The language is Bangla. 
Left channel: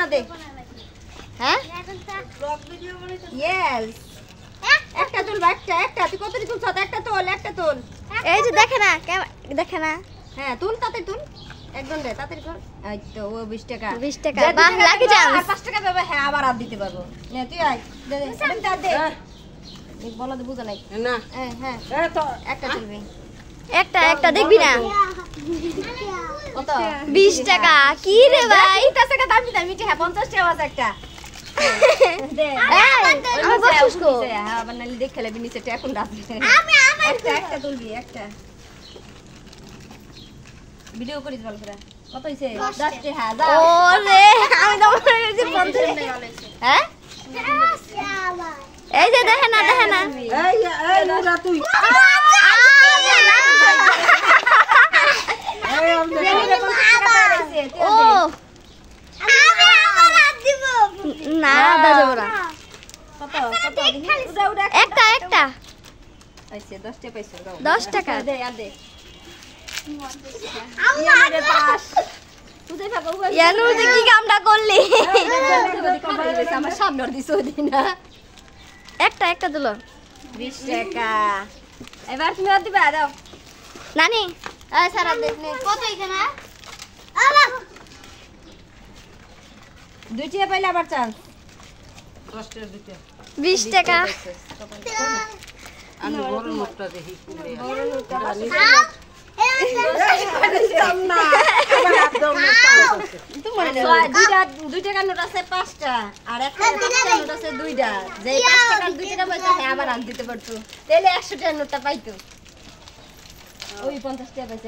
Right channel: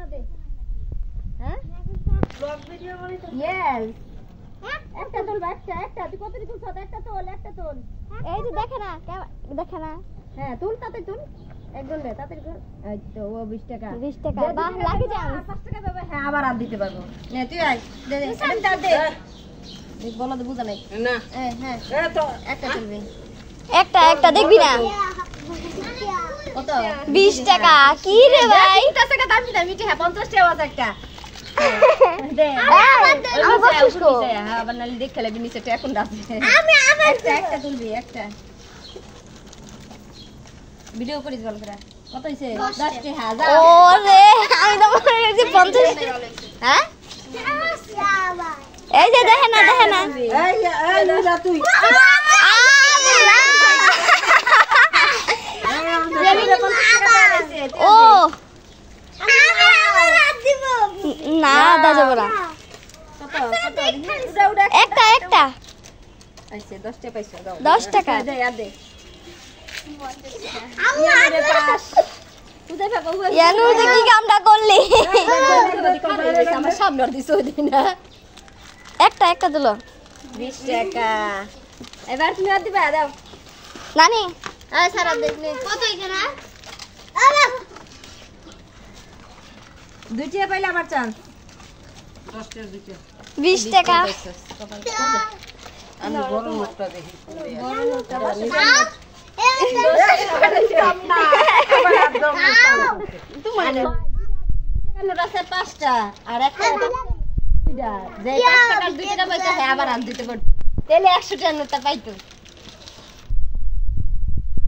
না দে হ্যাঁ ব্লগ ভিডিও করিস ইয়েস একটা তোল একটা তুই কত তুলছ একটা তোল এই যে দেখে না হ্যাঁ তুল তাতে তুল একজন দে তাতে কর এই তো ও 20 টাকা 20 টাকা বাহ লাকি চান্স আর 5 টাকা দেবে হ্যাঁ আবার আর দিতে পারবো নে তুই আয় দে এটা দে এই বলো দে বুঝা নাই না হ্যাঁ এ তো একটা তুলবি একটা দেখবি না কত 20 টাকা কি রে ভাই 50 টাকা দাম দিতাম মিটি হ্যাঁ 50 টাকা আছে একটা দে আমার বসুস কো হ্যাঁ আবার নালি দেখে লাগবি নিচে এখন রাখবি একটা তুলবি একটা ভিডিও করিস ভালো করে কত হইছে 10 টাকা যা ওরে আমি তো মনে করছি 50 হ্যাঁ এই যে দেখে না এই না তুই ও না দাদা বড়া কত উড়া একটা আইছে 10 টাকা পাইছো দাও 10 টাকা দে আর দে ইয়ারে পাস তুই দেখা কও ইয়ানু যে কি কামটা করলি আমার সামনে আর দিছো দি না একটা দিলো 20 টাকা এবার তুমি আর দিবা দাও নানি আয় সারা দেখলে কত এখানে দুই টাকা পাইলে আবার চান্স 10 টাকা দিতে 20 টাকা আমি বড় নোটটা দেখি বড় লোকটা বাসে দুই টাকার নোট আছে 5টা আর একটা 5 টাকার নোট আছে 2টা যে 5 টাকার 2 টাকা পাইতো হ্যাঁ আবার আন দিতে পারতো তাহলে 100 টাকার নোটটা পাইতো ওই 50 টাকা পাইছে